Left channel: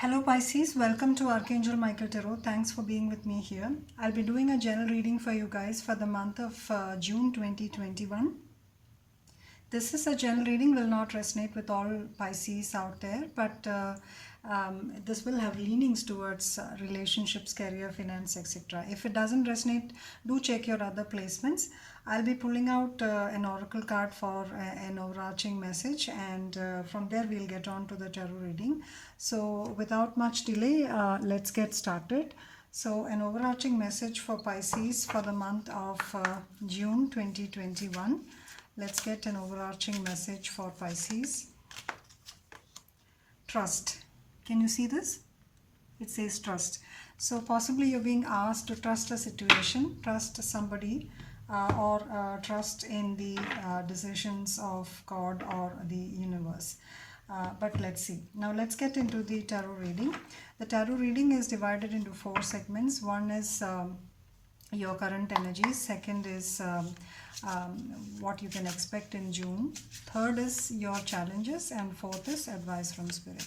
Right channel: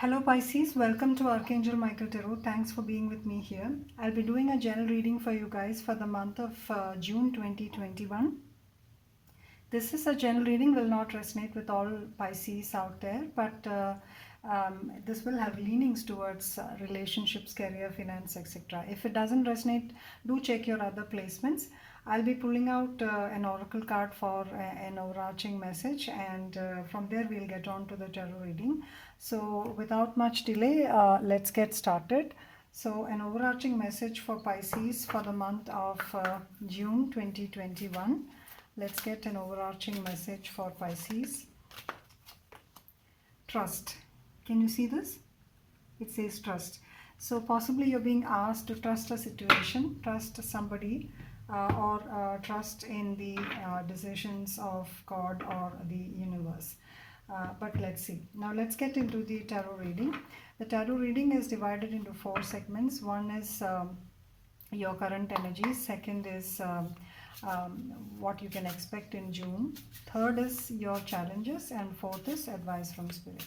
Hello Pisces, welcome to Archangel Michael Tarot. Thanks for being with me here. I'll be doing a general reading for you guys for the month of June 2021. This is a general reading, will not resonate with all Pisces out there, but this will have leanings towards relationships, career, finance, etc. If it doesn't resonate, do check your other placements. I'll be pulling out an oracle card for an overarching message, and from there we'll get on to the tarot reading. So without much delay, let's get started. So an overarching message for Pisces for the month of June 2021. Let's get an overarching message for Pisces. Trust. Can you see this? It says trust. So possibly you're being asked to trust a situation, trust somebody, or trust in the decisions of God or the universe. But let's see. Now let's get into the tarot reading. The tarot reading is divided into 4 segments. One is your current energies. Second is what you can expect in June. Third is your challenges, and fourth is advice from spirit.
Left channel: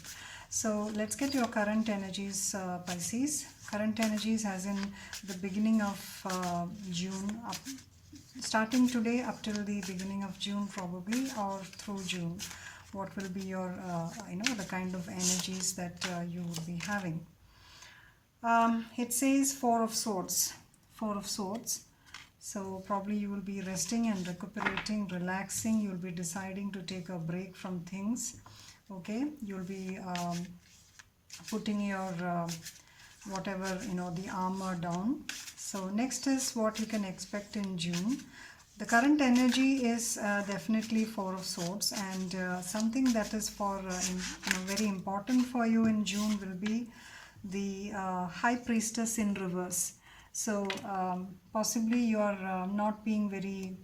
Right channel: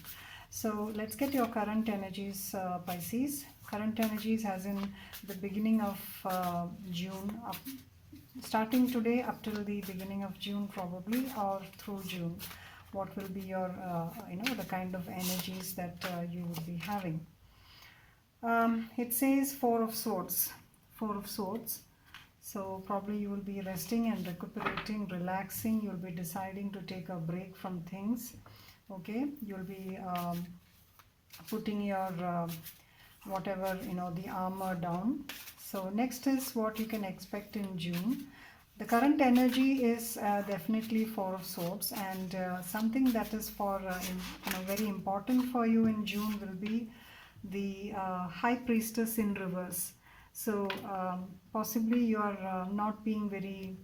So let's get your current energies, Pisces. Current energies as in the beginning of June, starting today up till the beginning of June probably, or through June. What will be your, the kind of energies that you will be having. It says Four of Swords. Four of Swords. So probably you will be resting and recuperating, relaxing. You'll be deciding to take a break from things. Okay, you'll be putting your whatever, the armor down. So next is what you can expect in June. The current energy is definitely Four of Swords, and something that is for very important for you in June will be the High Priestess in reverse. So possibly you are not being very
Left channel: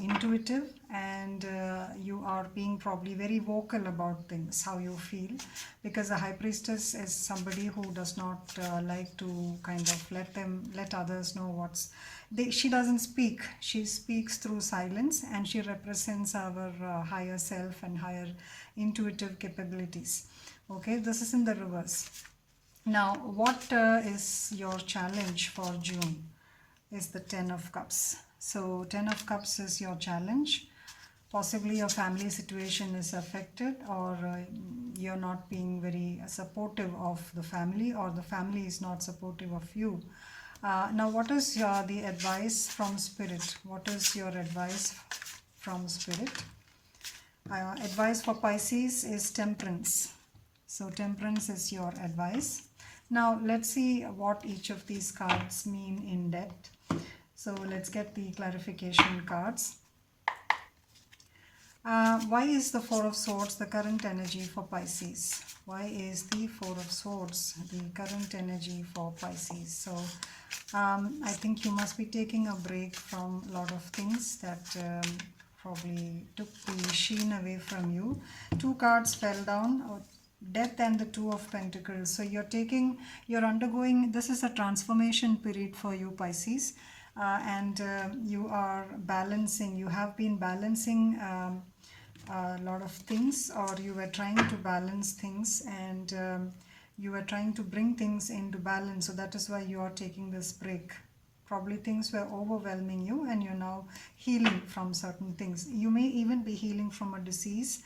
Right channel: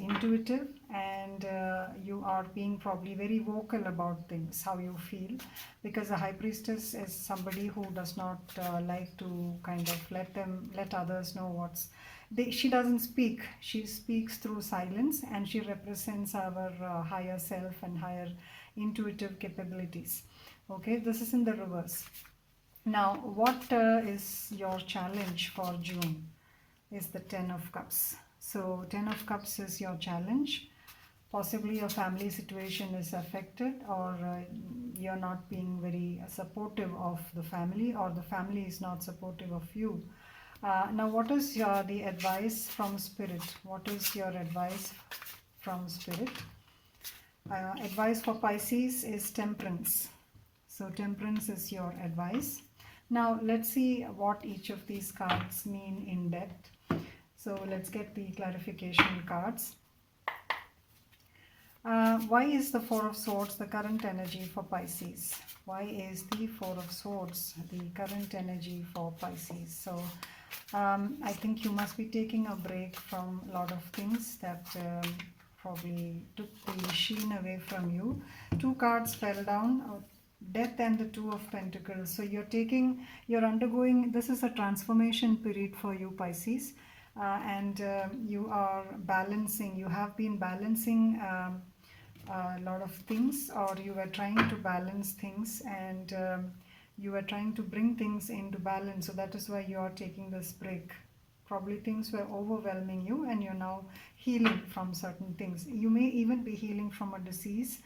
intuitive, and you are being probably very vocal about things, how you feel, because the High Priestess is somebody who does not like to kind of let others know what's she doesn't speak. She speaks through silence, and she represents our higher self and higher intuitive capabilities. Okay, this is in the reverse. Now, what is your challenge for June? Is the Ten of Cups. So, Ten of Cups is your challenge. Possibly your family situation is affected, or you're not being very supportive of the family, or the family is not supportive of you. Now, what is the advice from Spirit? What is your advice from Spirit? Advice for Pisces is Temperance. So, Temperance is your advice. Now, let's see what each of these cards mean in depth. So, let's get the clarification cards. Why is the Four of Swords the current energy for Pisces? Why is the Four of Swords the current energy for Pisces? So, I think you must be taking a break from a lot of things that probably took the sheen away from you. 2 cards fell down, Death and the Two of Pentacles. So you're undergoing, this is a transformation period for you, Pisces, and you are balancing, you have been balancing a lot of things, or you were trying to balance things, and you are trying to bring things into balance. So that is why you are taking this break. Probably things were overwhelming you, and you're now healing from certain things. You may even be healing from a disease.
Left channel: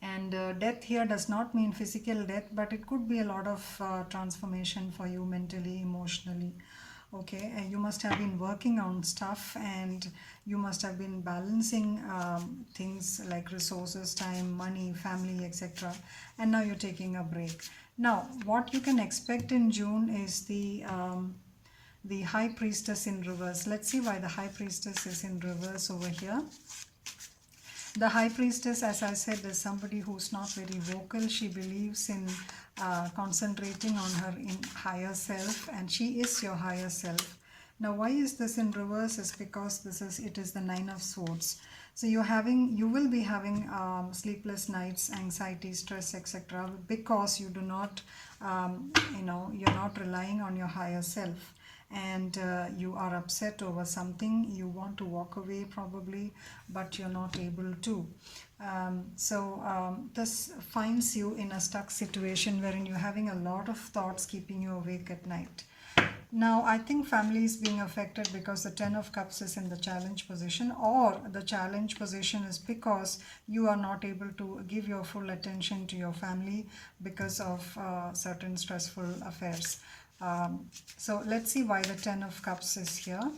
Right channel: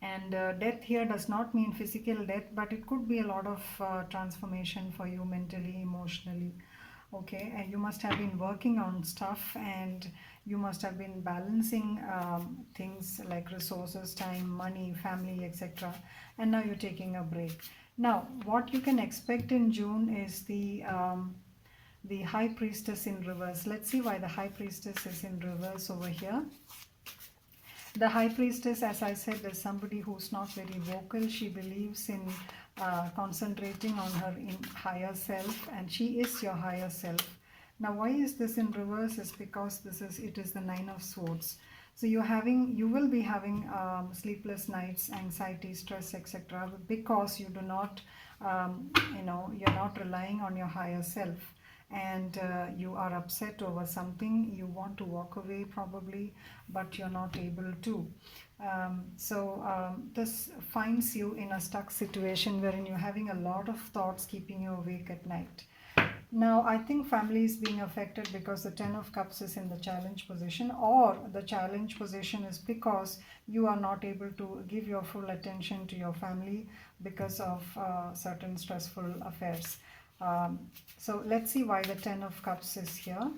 And death here does not mean physical death, but it could be a lot of transformation for you mentally, emotionally. Okay, and you must have been working on stuff, and you must have been balancing things like resources, time, money, family, etc. And now you're taking a break. Now, what you can expect in June is the High Priestess in reverse. Let's see why the High Priestess is in reverse over here. The High Priestess, as I said, is somebody who's not very vocal. She believes in concentrating on her higher self, and she is your higher self. Now, why is this in reverse? Is because it is the Nine of Swords. So you will be having sleepless nights, anxiety, stress, etc. because you do not, you're not relying on your higher self. And you are upset over something, you want to walk away probably, but you're not able to. This finds you in a stuck situation wherein you're having a lot of thoughts keeping you awake at night. Now, I think family is being affected because the Ten of Cups is in the challenge position, or the challenge position is because you are not able to give your full attention to your family because of certain stressful affairs. So let's see why the Ten of Cups is here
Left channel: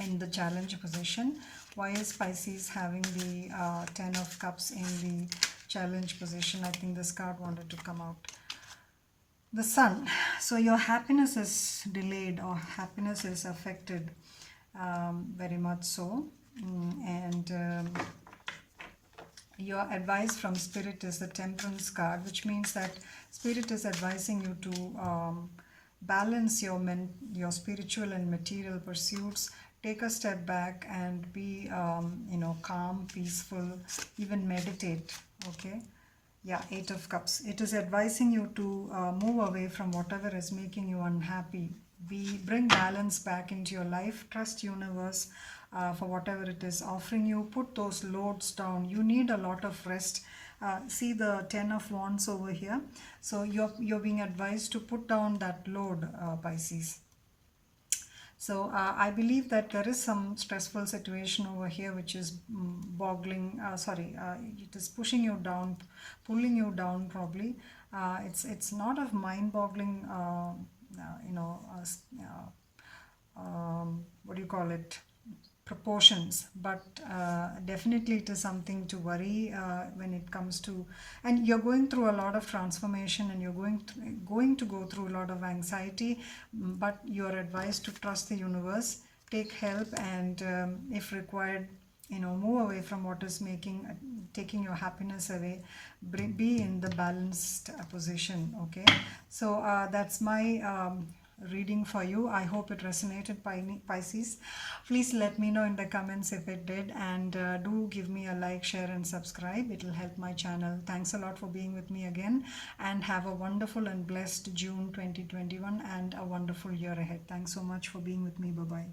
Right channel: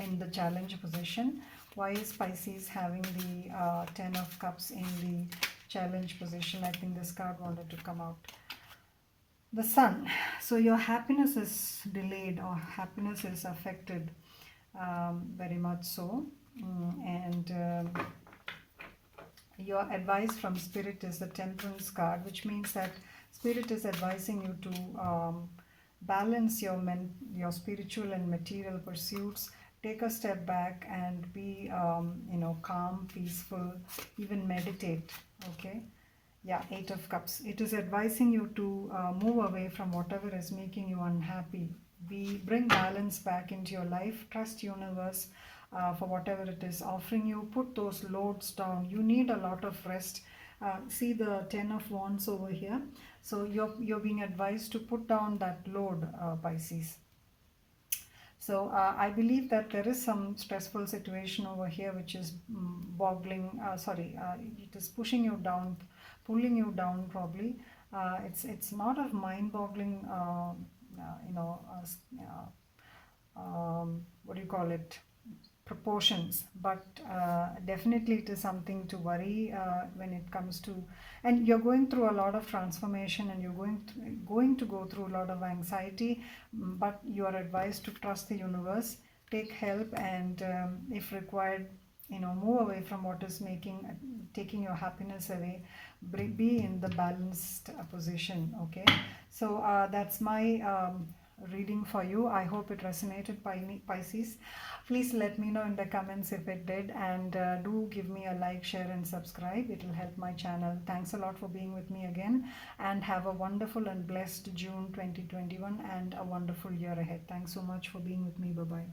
in the challenge position. Why is Pisces having the Ten of Cups in the challenge position? I think this card wanted to come out. The Sun. So your happiness is delayed, or happiness is affected, very much so. Your advice from Spirit is the Temperance card, which means that Spirit is advising you to balance your spiritual and material pursuits. Take a step back and be calm, peaceful, even meditate. Okay. Yeah, Eight of Cups. It is advising you to move away from whatever is making you unhappy. Bring balance back into your life. Trust universe for whatever it is offering you. Put those loads down. You need a lot of rest. See the Ten of Wands over here. So you're being advised to put down that load, Pisces. So I believe that there is some stressful situation over here which is it is pushing you down, pulling you down probably. It's not a mind-boggling, what do you call it, proportions, but definitely it is something to worry when it comes to, and you're going through a lot of transformation, and you're going to go through a lot of anxiety, but you're advised to trust the universe, take help, and if required, move away from what is taking your happiness away. Be in the balanced position. Okay, so that's my reading for you. I hope it resonated, Pisces. Please let me know in the comments if it did, and do give me a like, share and subscribe. It will help my channel. Thanks a lot for being with me again, and have a wonderful and blessed June 2021 and a wonderful year ahead. Thanks so much for being with me. Bye bye.